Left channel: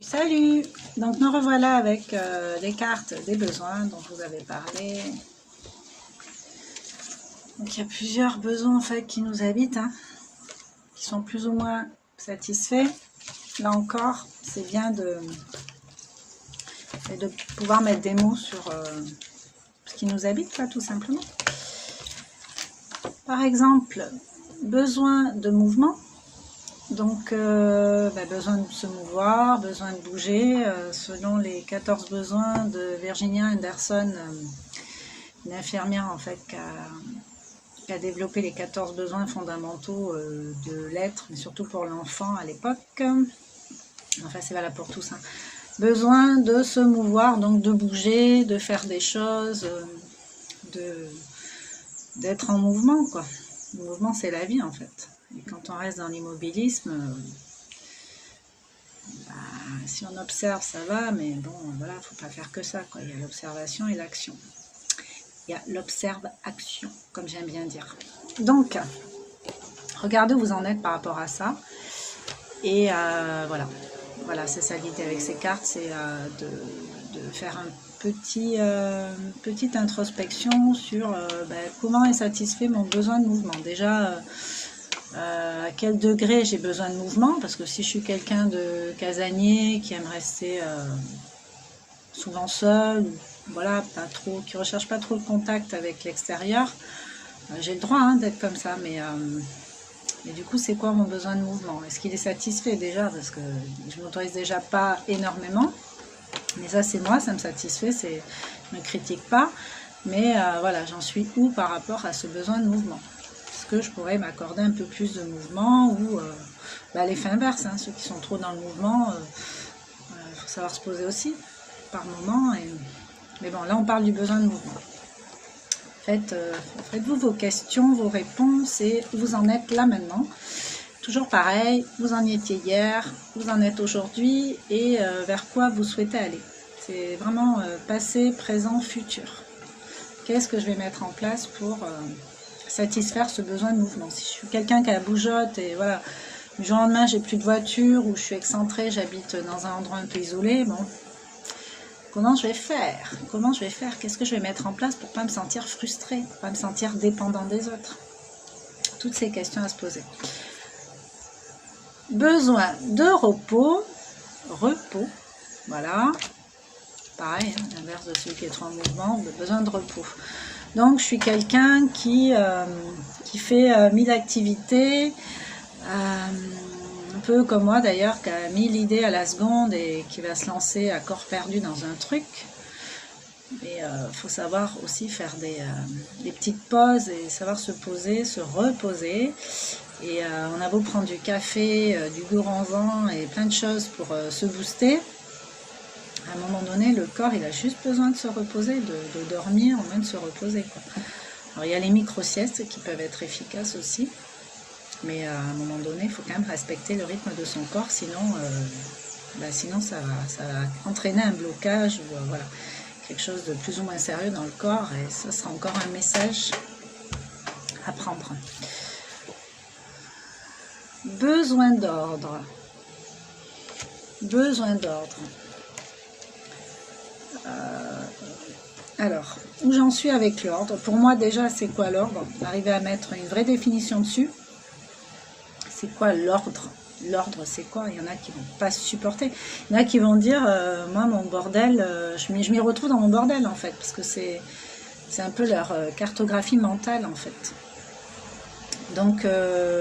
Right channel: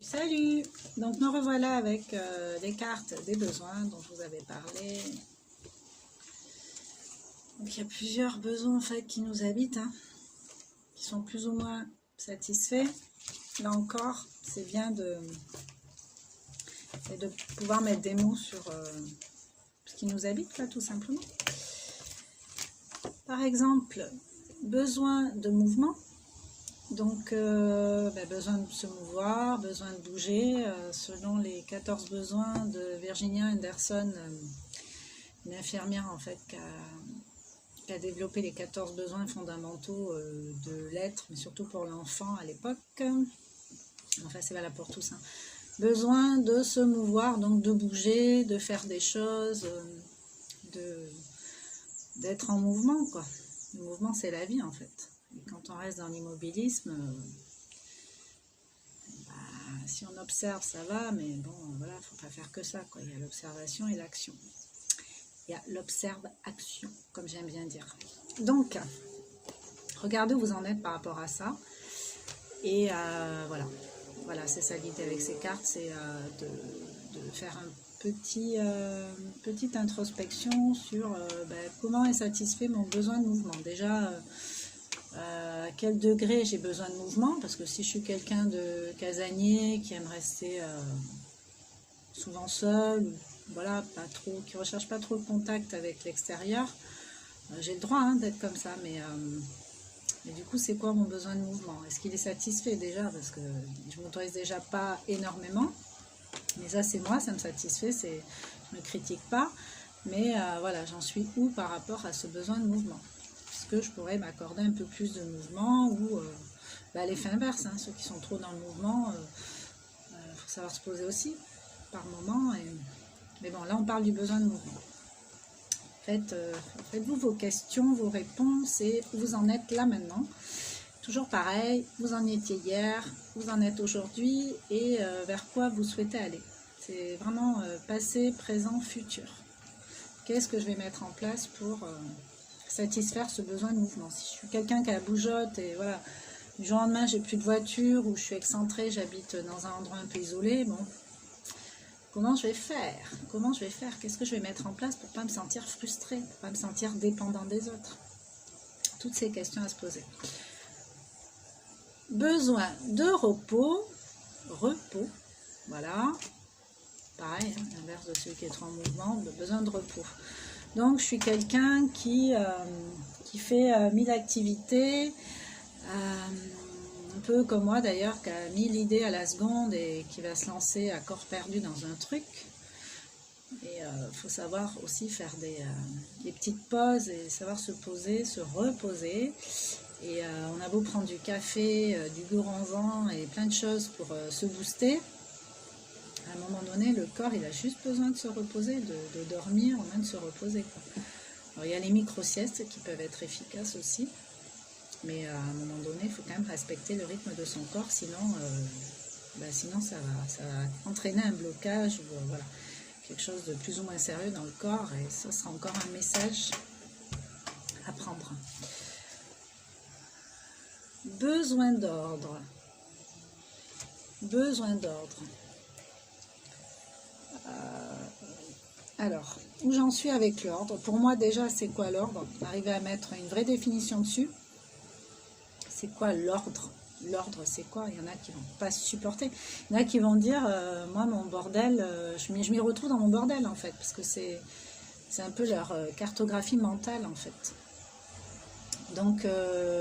Salut! Donc nous revoilà avec les cartes des besoins dont je vous avais parlé. Donc il y a plusieurs besoins en fait qui nous habitent, qui sont plus ou moins satisfaits. Là encore, c'est bien de pouvoir mettre des mots sur ce qui nous habite, quoi, tout simplement. Par exemple, besoin de mouvement. Donc, besoin de se mouvoir, besoin de bouger, selon les 14 besoins de Virginia Anderson, une infirmière en fait qui a développé les 14 besoins fondamentaux de l'être, mais surtout pour l'enfant à l'époque. Enfin, c'est valable pour tous. Besoin de se mouvoir, donc de bouger, de faire des choses, d'être en mouvement, quoi. Le mouvement, c'est la vie en fait. Et quand on reste dans l'immobilisme, si on observe, ça va, mais bon, voilà, il ne faut pas faire que ça, quoi. Il y a l'observation et l'action. Il y a l'observe-action, comme j'aime bien dire. Donc, regardez où vous en êtes par rapport à ça. Et voilà, c'est ça l'idée avec ces cartes, c'est de faire petite introspection sur comment est satisfait mon besoin de mouvement. Déjà, à quel degré j'ai besoin de mouvement, parce que si je suis quelqu'un de casanier qui aime rester souvent seul, voilà, qui recherche pas trop le contact avec l'extérieur, j'ai le droit d'être comme ça, mais du coup c'est quoi mon besoin de mouvement? Est-ce qu'il est satisfait déjà? Parce que je m'autorise déjà pas énormément, mais ça c'est moi, ça me satisfait, je ne critique pas, mais voilà, j'en suis où par rapport à ce besoin de mouvement? Que je pourrais m'accorder un peu plus de mouvement ou l'effet inverse, ceux qui sont trop dans le mouvement, il faut savoir se poser aussi par moment. Mais bon, là on parle du besoin de mouvement. Faites-vous vos questions, vos réponses et vous en êtes là maintenant. Toujours pareil, vous en étiez hier, vous en êtes aujourd'hui et vers quoi vous souhaitez aller. C'est vraiment passé, présent, futur. Qu'est-ce que je vais mettre en place pour satisfaire ce besoin de mouvement? Si je suis quelqu'un qui a la bougeotte et voilà, du jour au lendemain j'ai plus de voiture ou je suis excentrée, j'habite dans un endroit un peu isolé, bon, comment je vais faire? Qu'est-ce que je vais mettre en place pour ne pas me sentir frustrée, pour ne pas me sentir dépendant des autres? Toutes ces questions à se poser. Besoin de repos, voilà, pareil, l'inverse de celui qui est trop en mouvement, besoin de repos. Donc, je suis quelqu'un qui fait 1000 activités, un peu comme moi d'ailleurs, qui a 1000 idées à la seconde et qui va se lancer à corps perdu dans un truc. Mais il faut savoir aussi faire des petites pauses et savoir se poser, se reposer. Et on a beau prendre du café, du gourmand et plein de choses pour se booster. À un moment donné, le corps, il a juste besoin de se reposer, de dormir, ou même de se reposer, quoi. Alors, il y a les micro-siestes qui peuvent être efficaces aussi, mais à un moment donné, il faut quand même respecter le rythme de son corps, sinon ça va entraîner un blocage ou voilà, quelque chose de plus ou moins sérieux dans le corps, et ça sera encore un message à prendre. Besoin d'ordre. Alors, où j'en suis avec l'ordre? Pour moi, déjà, c'est quoi l'ordre? Arriver à mettre une vraie définition dessus. C'est quoi l'ordre? L'ordre, c'est quoi? Il y en a qui vont pas supporter. Il y en a qui vont dire, moi, mon bordel, je m'y retrouve dans mon bordel, en fait, parce que c'est un peu leur cartographie mentale, en fait. Donc,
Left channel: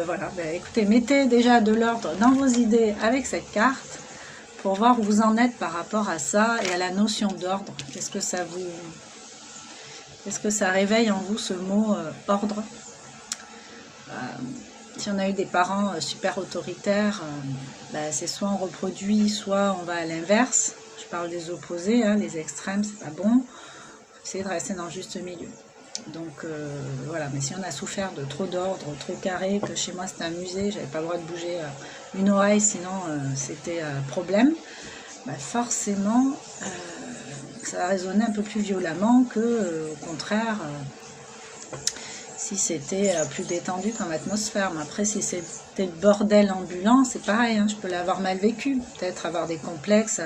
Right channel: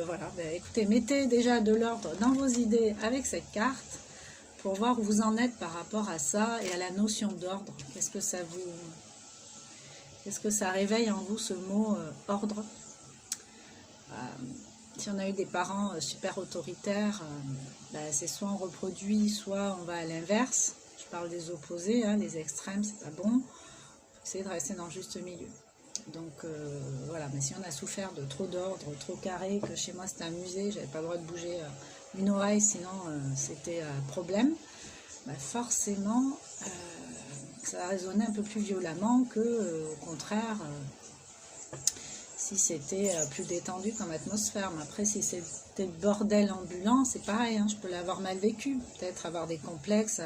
voilà, écoutez, mettez déjà de l'ordre dans vos idées avec cette carte, pour voir où vous en êtes par rapport à ça et à la notion d'ordre. Qu'est-ce que ça réveille en vous, ce mot ordre? Si on a eu des parents super autoritaires, c'est soit on reproduit, soit on va à l'inverse. Je parle des opposés, les extrêmes, c'est pas bon. Essayez de rester dans le juste milieu. Donc voilà, mais si on a souffert de trop d'ordre, trop carré, que chez moi c'était un musée, j'avais pas le droit de bouger une oreille, sinon c'était problème, forcément ça va résonner un peu plus violemment que au contraire, si c'était plus détendu comme atmosphère. Mais après, si c'était le bordel ambulant, c'est pareil, hein, je peux l'avoir mal vécu. Peut-être avoir des complexes,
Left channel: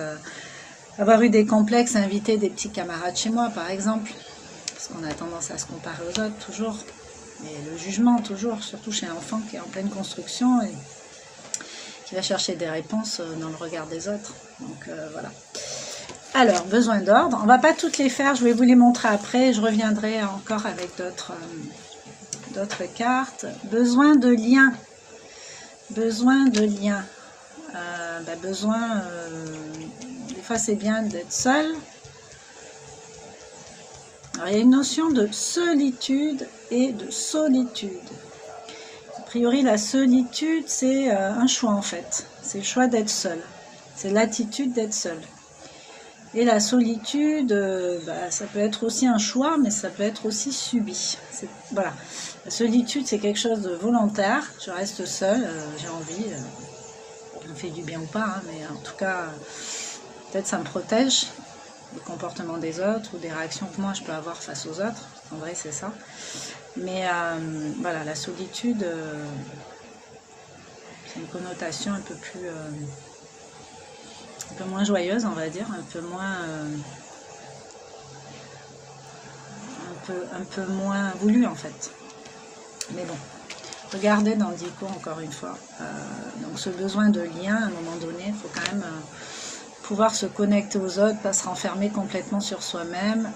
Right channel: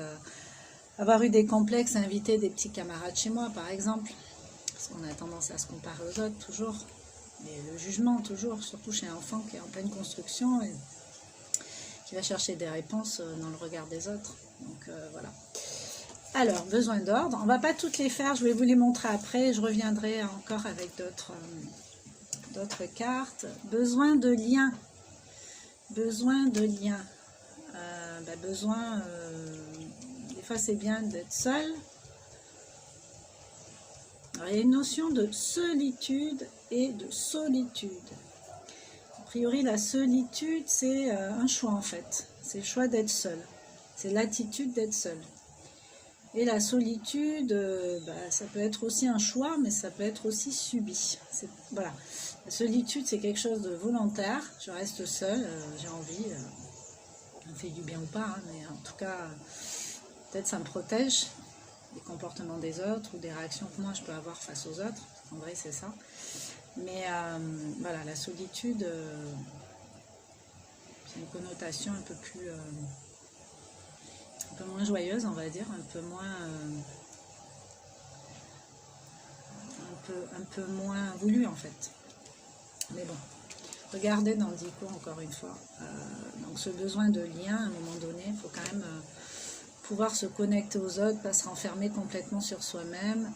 avoir eu des complexes, inviter des petits camarades chez moi, par exemple. Parce qu'on a tendance à se comparer aux autres, toujours. Et le jugement, toujours, surtout chez un enfant qui est en pleine construction et qui va chercher des réponses dans le regard des autres. Donc, voilà. Alors, besoin d'ordre. On ne va pas toutes les faire, je vais vous les montrer après. Je reviendrai encore avec d'autres cartes. Besoin de lien. Besoin de lien. Des fois, c'est bien d'être seul. Alors, il y a une notion de solitude et de solitude. A priori, la solitude, c'est un choix en fait. C'est le choix d'être seul. C'est l'attitude d'être seul. Et la solitude, ça peut être aussi un choix, mais ça peut être aussi subi. Voilà. La solitude, c'est quelque chose de volontaire. Je reste seule, j'ai envie. Ça me fait du bien ou pas, hein, mais en tout cas, peut-être ça me protège du comportement des autres ou des réactions que moi je peux avoir face aux autres. En vrai, c'est ça. Mais voilà, la solitude, c'est une connotation un peu plus... un peu moins joyeuse, on va dire, un peu moins voulu en fait. Mais bon, regardez dans le dico encore une fois. Donc ce besoin de lien, à un moment donné, il faut quand même pouvoir se connecter aux autres, pas se renfermer complètement sur soi-même.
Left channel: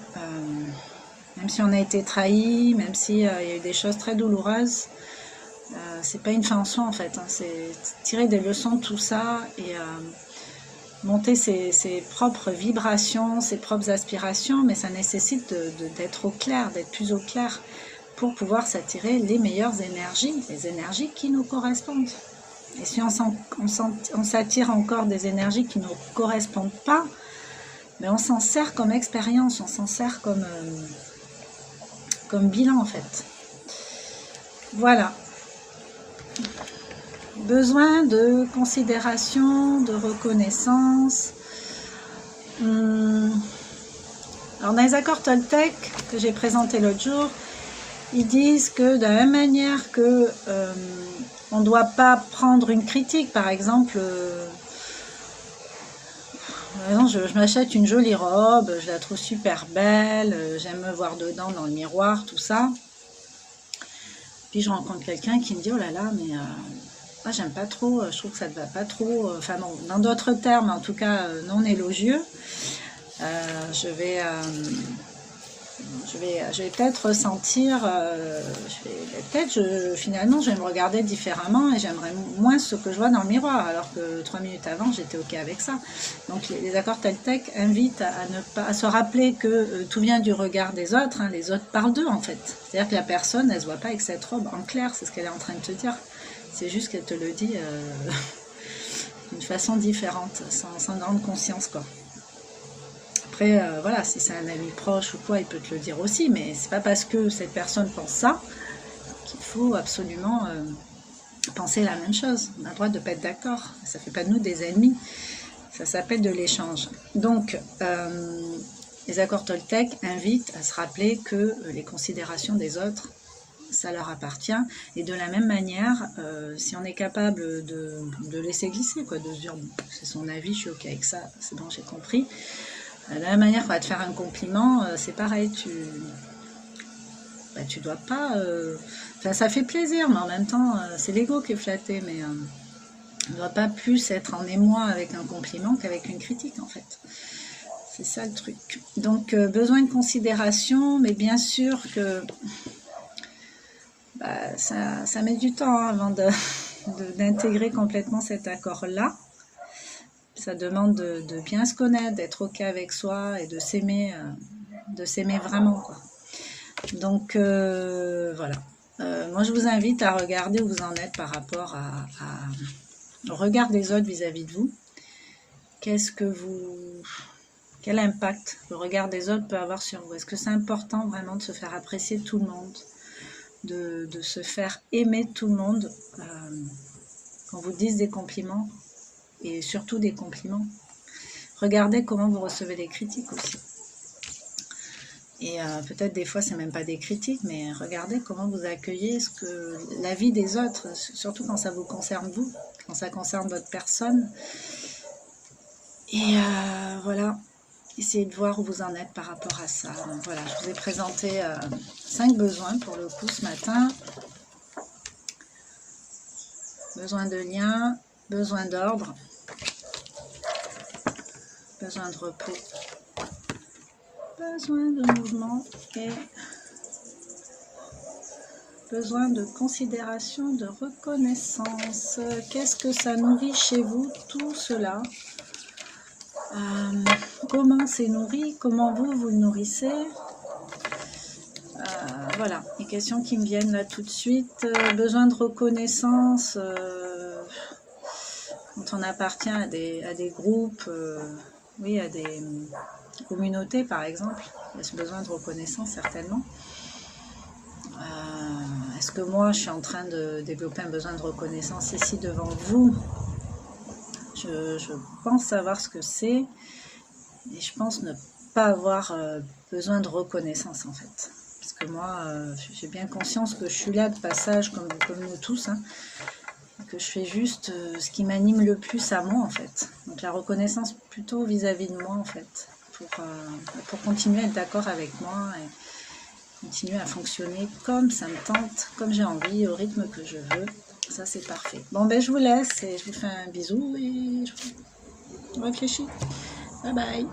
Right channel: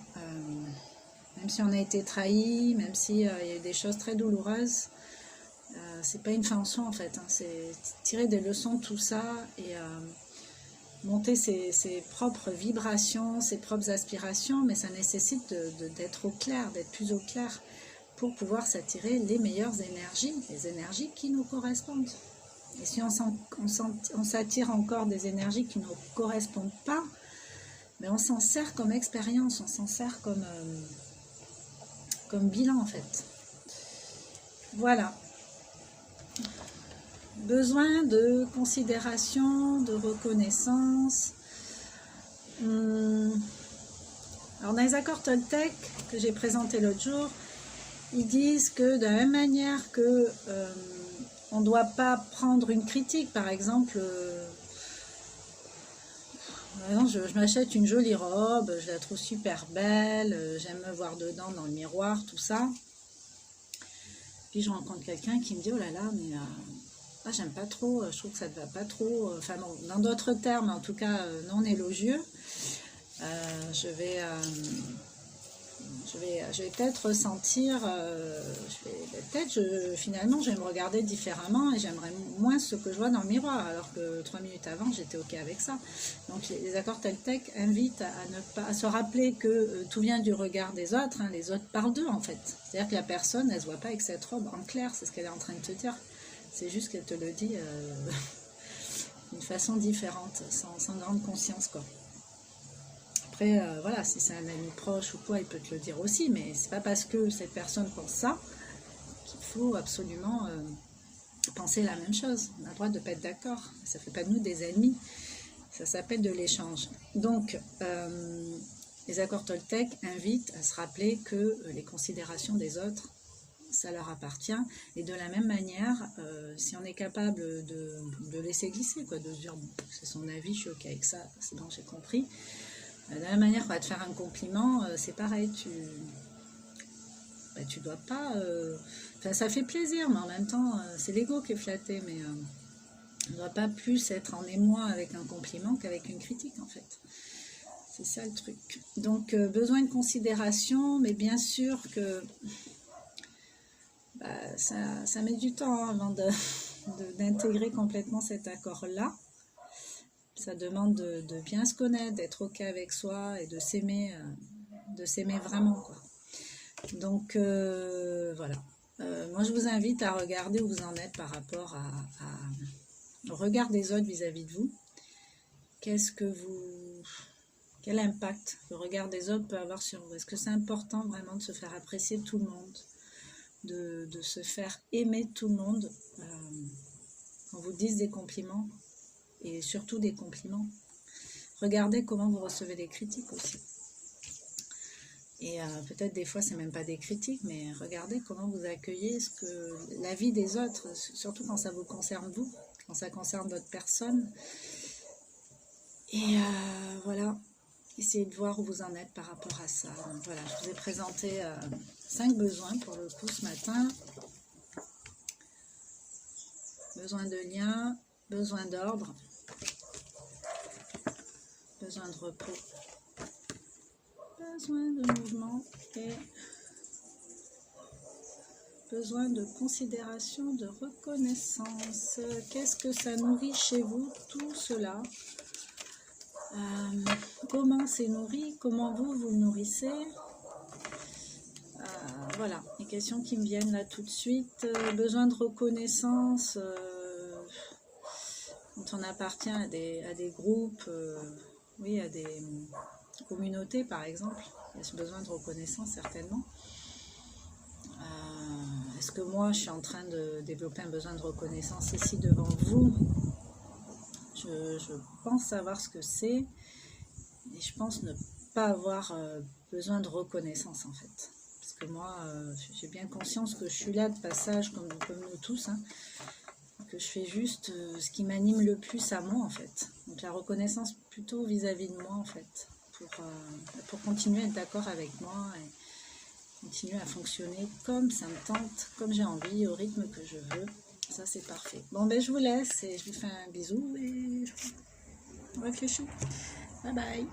Même si on a été trahi, même s'il y a eu des choses très douloureuses, c'est pas une fin en soi en fait. Hein, c'est tirer des leçons de tout ça et monter ses propres vibrations, ses propres aspirations, mais ça nécessite d'être au clair, d'être plus au clair pour pouvoir s'attirer les meilleures énergies, les énergies qui nous correspondent. Et si on s'attire encore des énergies qui ne nous correspondent pas, mais on s'en sert comme expérience, on s'en sert comme bilan en fait. Voilà. Besoin de considération, de reconnaissance. Alors dans les accords Toltec que j'ai présentés l'autre jour, ils disent que de la même manière que on ne doit pas prendre une critique, par exemple, je m'achète une jolie robe, je la trouve super belle, j'aime me voir dedans dans le miroir, tout ça. Puis je rencontre quelqu'un qui me dit « Oh là là, mais j'aime pas trop, je trouve que ça ne va pas trop. » Enfin bon, dans d'autres termes, en tout cas non élogieux, je vais peut-être ressentir, finalement, je vais me regarder différemment et j'aimerais moins ce que je vois dans le miroir, alors que 3 minutes avant, j'étais OK avec ça. Donc, les accords Toltec invitent à se rappeler que tout vient du regard des autres, hein, les autres parlent d'eux, en fait. C'est-à-dire que la personne, elle ne se voit pas avec cette robe en clair, c'est ce qu'elle est en train de te dire. C'est juste qu'elle te le dit d'une façon différente, sans grande conscience, quoi. Après, voilà, si c'est un ami proche ou quoi, il peut te le dire aussi, mais c'est pas parce que cette personne pense ça qu'il faut absolument penser la même chose. On a le droit de ne pas être d'accord. Ça fait pas de nous des ennemis. Ça s'appelle de l'échange. Donc, les accords Toltec invitent à se rappeler que les considérations des autres, ça leur appartient. Et de la même manière, si on est capable de laisser glisser, quoi, de se dire, c'est son avis, je suis OK avec ça, c'est bon, j'ai compris. De la même manière qu'on va te faire un compliment, c'est pareil, tu dois pas... Enfin, ça fait plaisir, mais en même temps, c'est l'ego qui est flatté, mais on ne doit pas plus être en émoi avec un compliment qu'avec une critique, en fait. C'est ça le truc. Donc, besoin de considération, mais bien sûr que ça met du temps avant d'intégrer complètement cet accord-là. Ça demande de bien se connaître, d'être OK avec soi et de s'aimer vraiment, quoi. Donc, voilà. Moi, je vous invite à regarder où vous en êtes par rapport au regard des autres vis-à-vis de vous. Quel impact le regard des autres peut avoir sur vous? Est-ce que c'est important vraiment de se faire apprécier de tout le monde, de se faire aimer de tout le monde, qu'on vous dise des compliments? Et surtout des compliments. Regardez comment vous recevez les critiques aussi. Et peut-être des fois, c'est même pas des critiques, mais regardez comment vous accueillez la vie des autres, surtout quand ça vous concerne vous, quand ça concerne votre personne. Et voilà, essayez de voir où vous en êtes par rapport à ça. Donc voilà, je vous ai présenté 5 besoins pour le coup ce matin. Besoin de lien, besoin d'ordre, besoin de repos, besoin de mouvement et besoin de considération, de reconnaissance. Qu'est-ce que ça nourrit chez vous, tout cela? Comment c'est nourri? Comment vous le nourrissez? Voilà, les questions qui me viennent là tout de suite. Besoin de reconnaissance, quand on appartient à des groupes, oui, à des communautés par exemple, il y a ce besoin de reconnaissance certainement. Est-ce que moi je suis en train de développer un besoin de reconnaissance ici devant vous? Je pense savoir ce que c'est et je pense ne pas avoir besoin de reconnaissance en fait. Parce que moi, j'ai bien conscience que je suis là de passage comme nous tous, hein, que je fais juste ce qui m'anime le plus à moi en fait. Donc la reconnaissance plutôt vis-à-vis de moi en fait, pour continuer à être d'accord avec moi et continuer à fonctionner comme ça me tente, comme j'ai envie, au rythme que je veux. Ça c'est parfait. Bon ben je vous laisse et je vous fais un bisou et je réfléchis. Bye bye.